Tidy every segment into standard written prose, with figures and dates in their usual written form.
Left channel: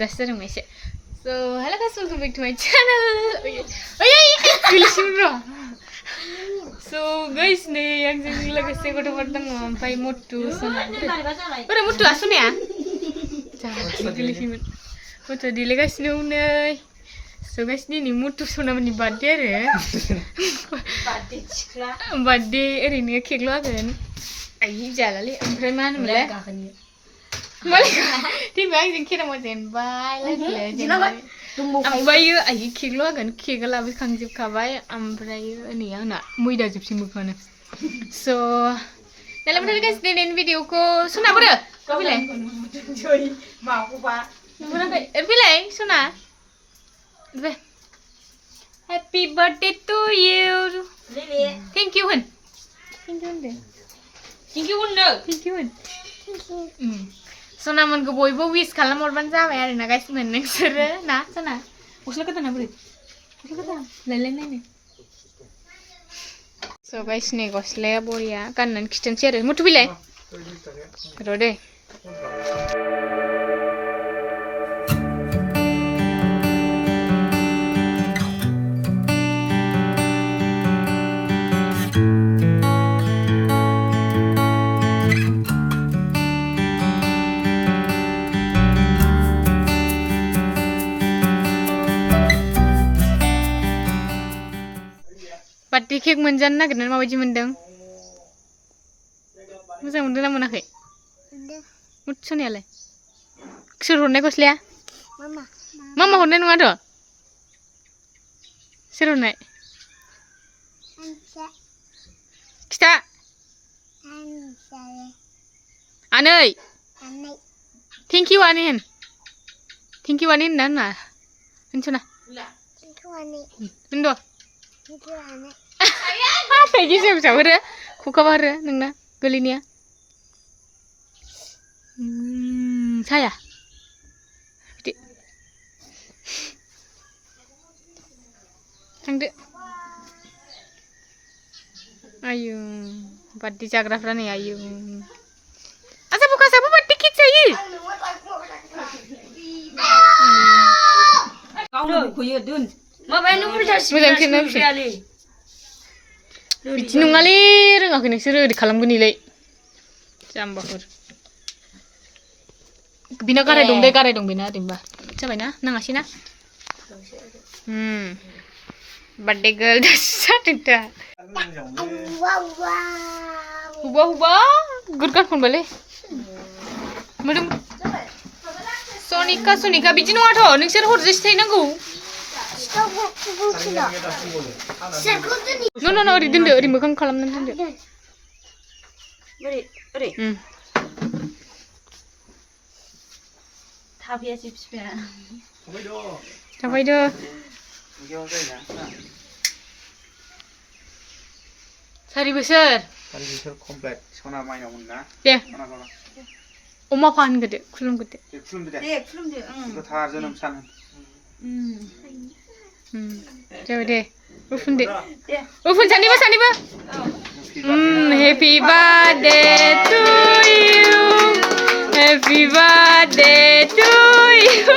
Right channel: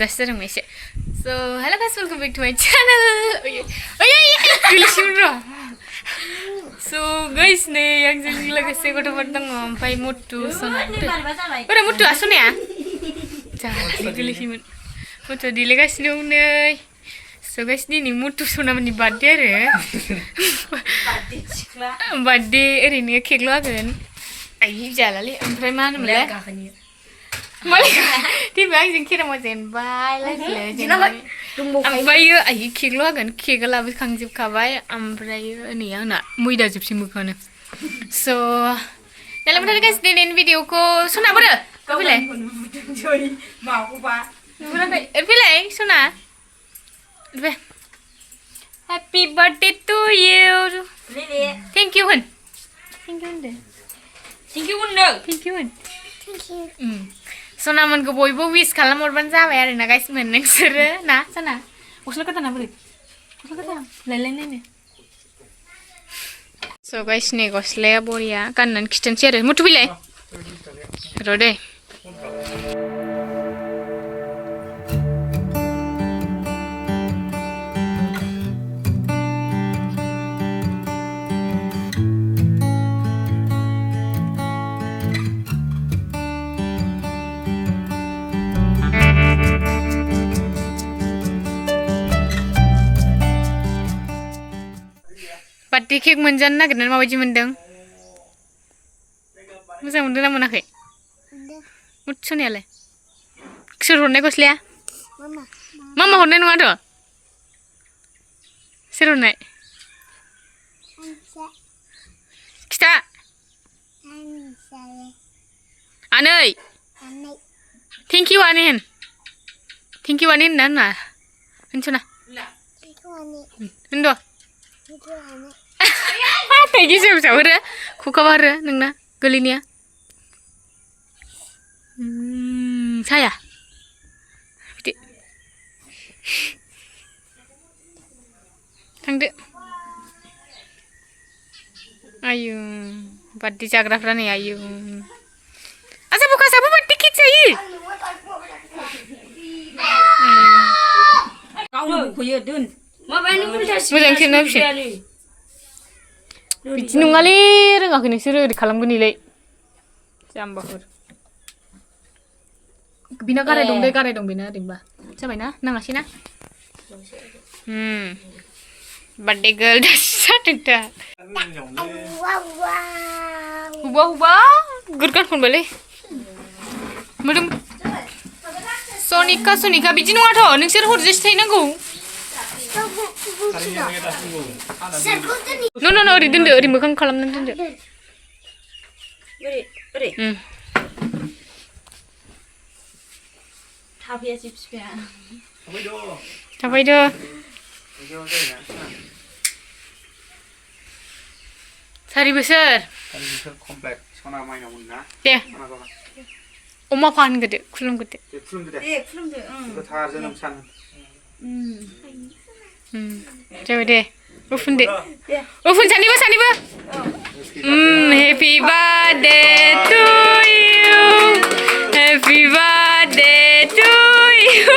दासो जादों एसे so hello guys welcome back to my channel गोलैसिगोन र' so guys नै आंजों लोगोसे गथ'फोर दङ ओमफ्राय मटु सना बोरै मटुआ सनाया जाहाथे गोलैसिगोन मटुआ देलायगासिनो नै so guys दिनै मटु सनामोननि बार्थडे आरो बार्थडे ओरैनो केकल' हागोन आइ जालालै ओमफ्राय मा होनोमोनलाय दिनै आंजों केरामा जेनबाय ओमफ्रायो आइ केकल' हागोन केकआ लाबोखांजोबखाबाय ओमफ्रायो नै आंना मैदा जोबसै मोखाङानो स' दालाय माथो गाइस दिनैनि भिडिअखौ सना बोरो फैलाय फैलाय सना happy birthday to you thank you होन थेंक इउ होनदो थेंक इउ होनदो थेंक इउ होन सनामोनखौ बयबो विश खालामहरबानो जाबाय आरोना गाइस मोन नोंसोरो ना सना गस्ला गोदाना बोरै गस्ला गोदान लायलाय नायनो स' गाइस नै गस्लाया बरिया गाननानै खिथानोसै आरो मटु फैलाय र' दे बार्थडे केक मोनजानो नागिरनानै माबायदि मोनदों मोजां मोनदों ना मोनाखै मटु सनायालाय सोर हरनाय गस्लाया मामा हरनाय नङाथ' सोर हरनाय खिथा आनै थेंक इउ आनै होन थेंक इउ आनै होनना होनना होनसना होनद' थाइगि फिसा हरो खखाबा हरो नोंना गोलैनाया साया बिदि थांदो आयु बार्थडे जाग्राफ्रा नै आयु आजा बुखासाबो बार्थडे केक जायो मोजां खेबना फिसा बिदि नङालै रोङाखै नोंसोरो ओरै खालामगोननिलै जाम्बाफोर बिना गाराय दं दे गाराय दं बेना ओरैनोबा जाबायना नाङासै ना बार्थडे गार्ल दासो जादों दा हुबा हुबा गुरगान खनबायलै मोदोम सनिका बिदि नङाथ' नोंसोर हरजासे थाहैनांगौ न' ओरै दोनदो ओरै मोखां खालामनानै दोनदो ओरै थाफैयासै बिफाया थाफैदो सारि बोसोर कमप्लिट सना माइनावमोन ना दे अमा फानगोदो खुलुमगोदो गोथार जोनोम सान जाबाय दे उफुनदो उफुन सानैबो happy birthday to you happy birthday to you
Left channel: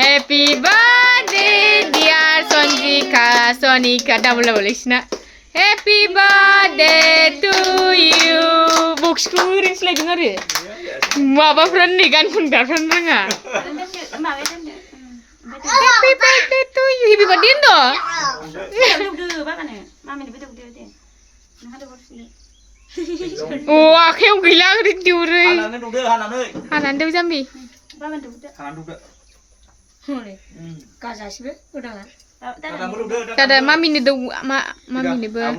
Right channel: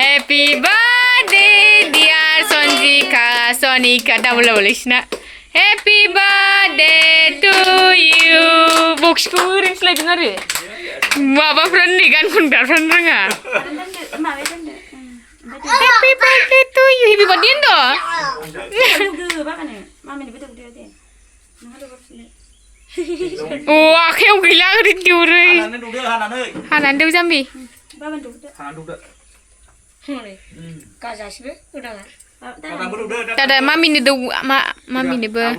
happy birthday dear Sanika डाबल इसना हेपि बार्थडे टु इउ बक्सखौ ओरैनो सोलायदों आरो माबाफ्रानो नै गान खनग्राफ्रानो रोङा Happy birthday to you. Happy birthday ndo. Oh, akhirnya gila rindu re. Hanan dulu jambi. Tada mami ni do mami ni ber.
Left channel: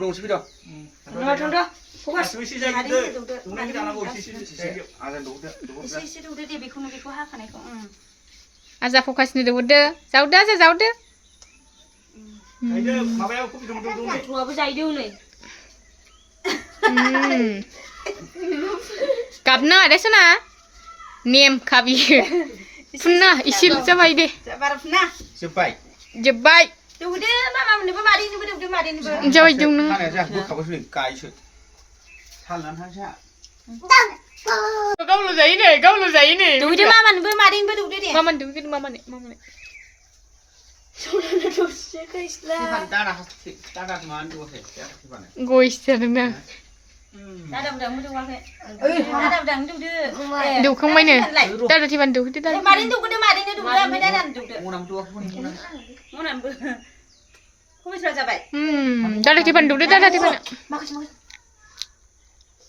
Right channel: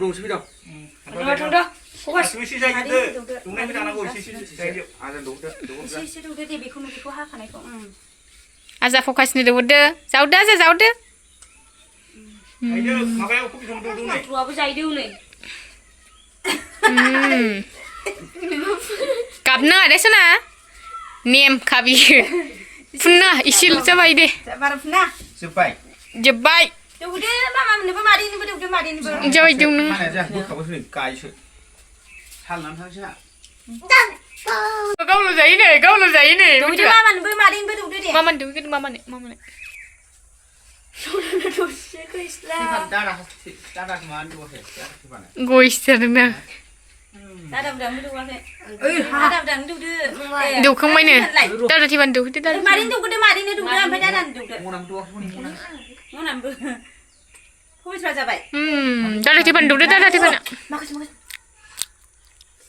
Aza fokus ni dulu deh. Jauh aja jauh deh. Kapna ada sana. Niem kabi. Puna isil coba ide. Jebai. Jauh jauh neng. Gaवल' जायो नै गावल' जायो नै दुगैदो मामानोबो मादैनोबो दुगैदो दे मामानो दुगैगोन मामानो गयसो जादोंना दादाबो दुगैवाखै दौखांबायनो दादा थैबानो दौहैदो दादा मादैनो दुगैदो मादैनो दुगैदो ओमफ्राय दादानो दुगैदो मनानोबो पबित्रा जाबाय दादा थैबानो दौदो दादा थैबानो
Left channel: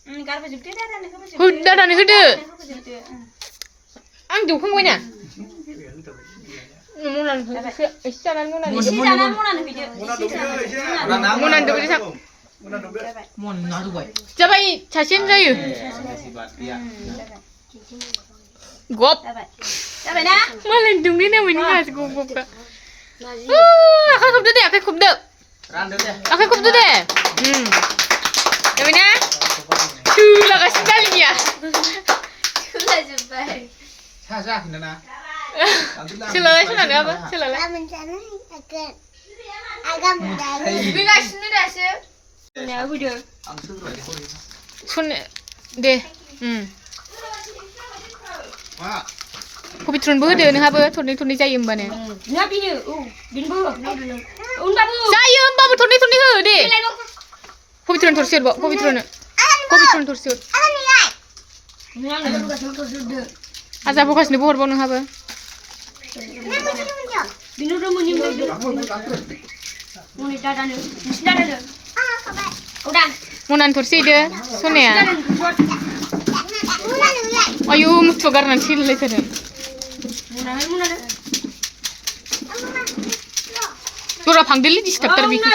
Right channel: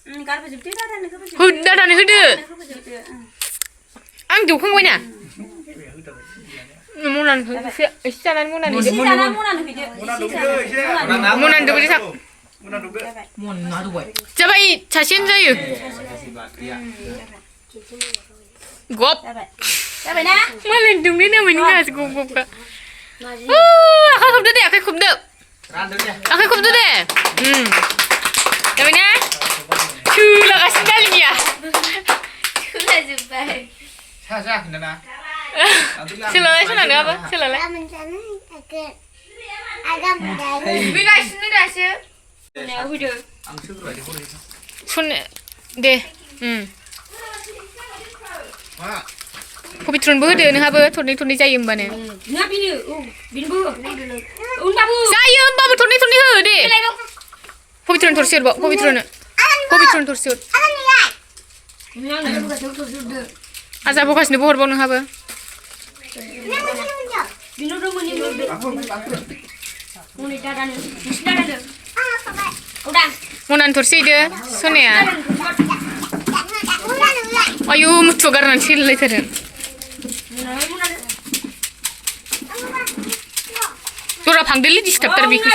गारबोजोबदो दादानो हो दादानो होदो आं दौखांबायना मनानो हो एसे जानानै मनानो एसे जानानै मनानो हैदो मनानो दौदो थां जाबाय सासेयानो जायो गप जाबायना मालाय दौनो नामायनो गासै गप आखाइ खबदो दे आखाइ खबदो दे जाबायना सोलागासिनो दालिनिया सोलाजोब्बाय सोलालाय सोलानो आबा सोलालाय फैगासिनो दासो सनो दे पबित्रनबो होदो नोंहाबो थरनै थरनै जायो होमबानो जायो होमबाबो थरनै थरनै हो दे पबित्रन थरसे हरबाव पबित्रन थरसे हर आजाबगासिनोबो हरबाव नोंहाबो मनानो थरसे हैदो सनाया आयु मुथुआ गारनानै थैलायथारो दरा फांदोलै डिस्टार्बथार बेखौ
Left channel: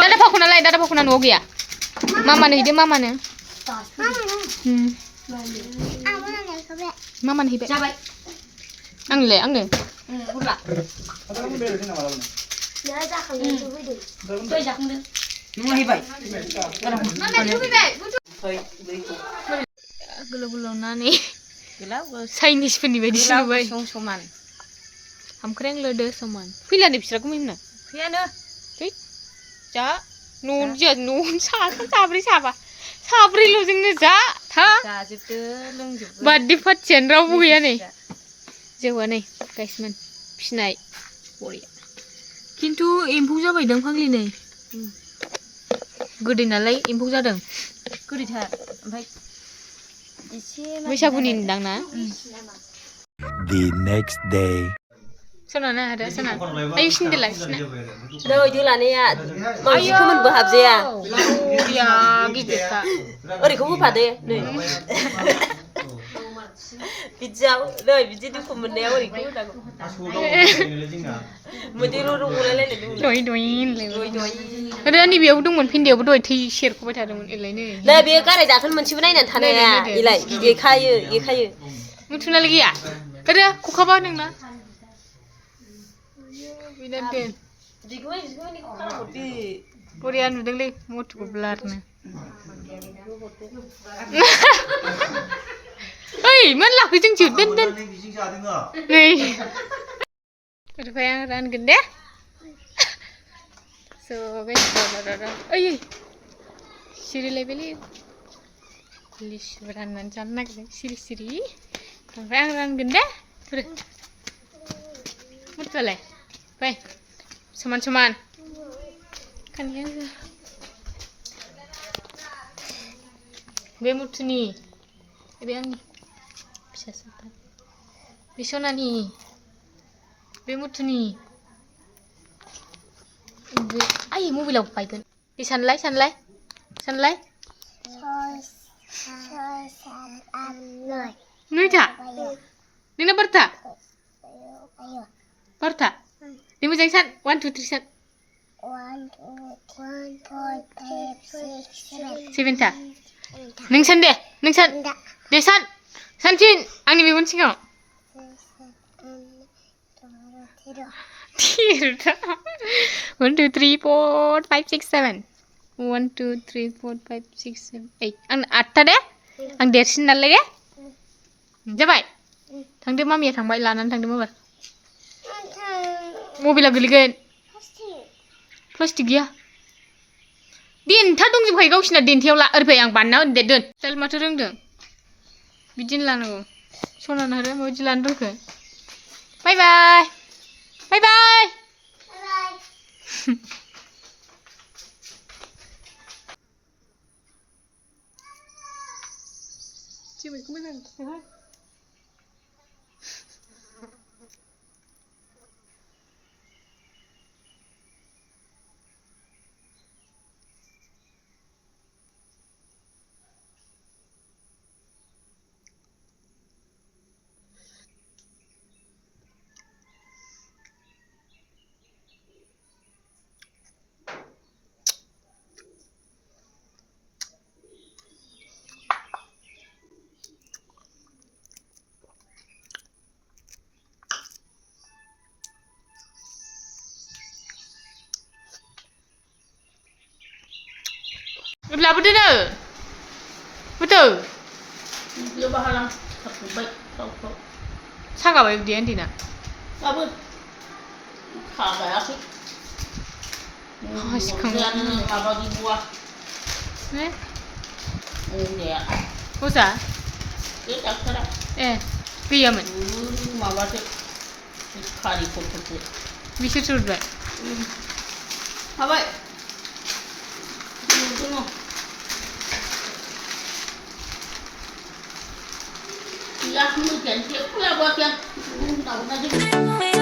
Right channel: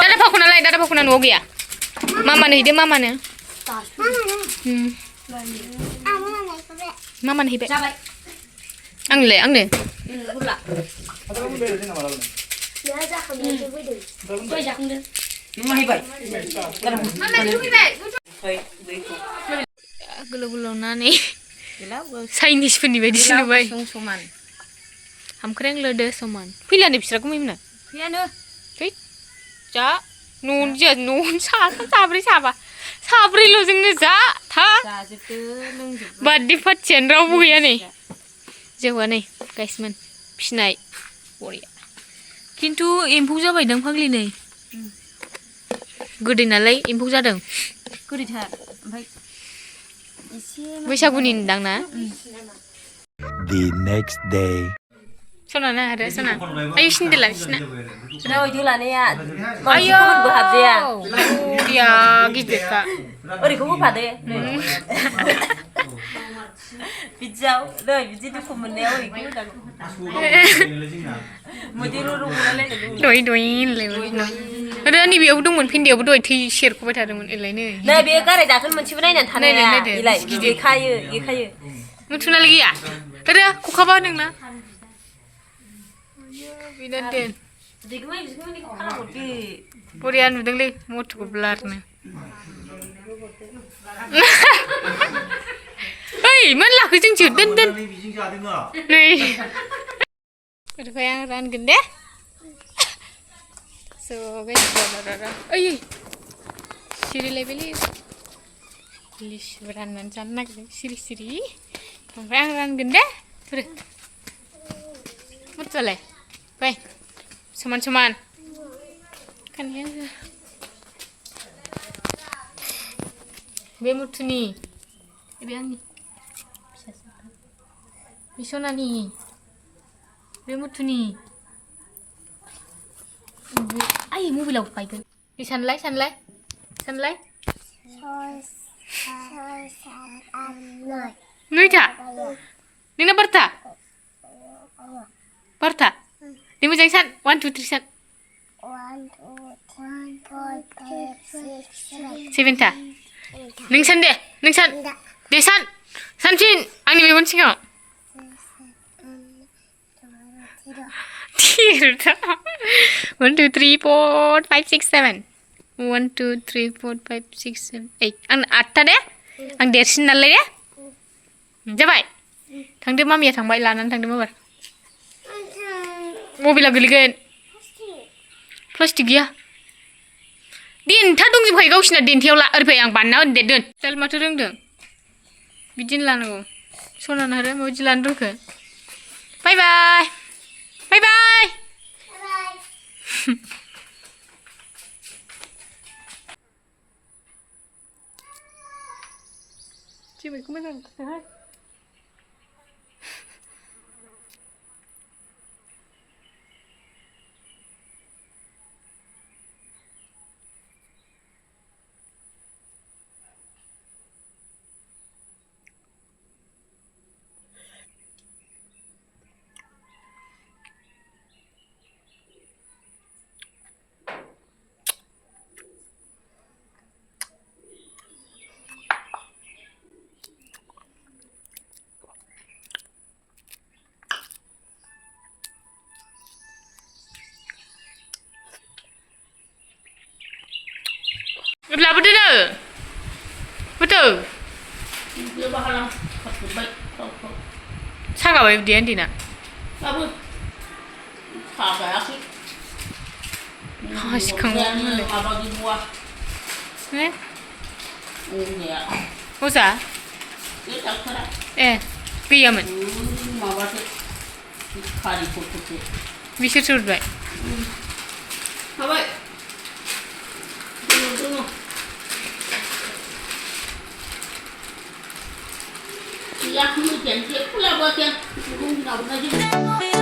दादा फाखनालाय दादा फाखना न'आव गैया मामानो हैदो मामानो हैबाय आंनोलाय आंनो गोलाव गोलाव नानै चाइनिसफोरनि बायदिसो नुबाय हामख्रें लोदो समान फैलानो बिस्रा गुमैमोना फैयानो जा न'आवनो साथाम साब्रै साब्रैल'जोंनो जा था बार्थडे पार्टियानो रावबो गैया नै जौआ नै गाइसमोन फिनाय बरिया खिन्थु एम्फौ जाबायदां फाग्लि नै गोदै नालाय एम्फौ जादों गोदैथार ओमफ्राय बैसागुनि दां ना The next day. सना ना आरो सना आयु सिन्देला बिसिना नै लानाया खोमोनबो हाबजाया बरिया गिदिरखा ओरैखौ होफादो नै बिदियाव नै बिदि दुखु मोननायाव ओरैखौ होनांगौ दय होनलायबाय नैबेयावबो दंमोन फेन्दायावबो दहाय थै सेरख'बाय थादोंमोन एलायनो नै बे गाराय दाखोन मोनसेबो नायनानै थानाया एलाय एखायो मुथुनालाय गैया आरो खखाबा नोंना बरिया नुदोंलै मथुखौ ब्लारनो ओइ मोनलाखै जोंसो दोन नै ओमफ्राय आं रानगोन दे स' ओइ सिरिलायबायलै लिसु राननानै जानो नागिरदों सिरि ओमफ्राय आं रानगोन दे मुथुआलाय बाय समान खानाया बे मुथुनि बे आंनि फिसासो बे सनानि बे मुथुनि आइ मबाइलाव बायगोन बे सानलाय 6, 7, 8, 9 नयथा नोंना बारथा दे मोजाङै सान 1, 2, 3 सान 7था नों सान दे दे सानफिन आंनि मेगन सिगाङाव थिरथा 1, 2, 3, 4, 5, 6, 7 1, 2, 3, 4, 5, 6, 7, 8 आं 8था दे आं देरसिन नालाय दे जाबाय थांदो मामिया थांबाय लानानै थांदो माबार मबाइला गोलैगोन प्लास्टिक गैया देन्था दंजोबखायो गावसिना देन्थायाव ला ओरैफाय आं बानायना होनो दे दोन चल माथो रोंदों बिदिनो लानांगौ सनाना आरो माबायदि लानो रोंखो बाय बाय बाय बाय जोमैखौ मोजां खिथाहाय लाबोदो नो Motu Dia bahalang satu baik kau. सागाबाय उदैया उन्दैना Apa? Kagak aku. सिखांबाय मालाय Apa di buah? Ya. Masa? Dia tak kira. गैयामोन Mama tu kari foto. बिसोर सुरबाय Apa? Tunggu. Ya, mungkin dia pula buat yang nak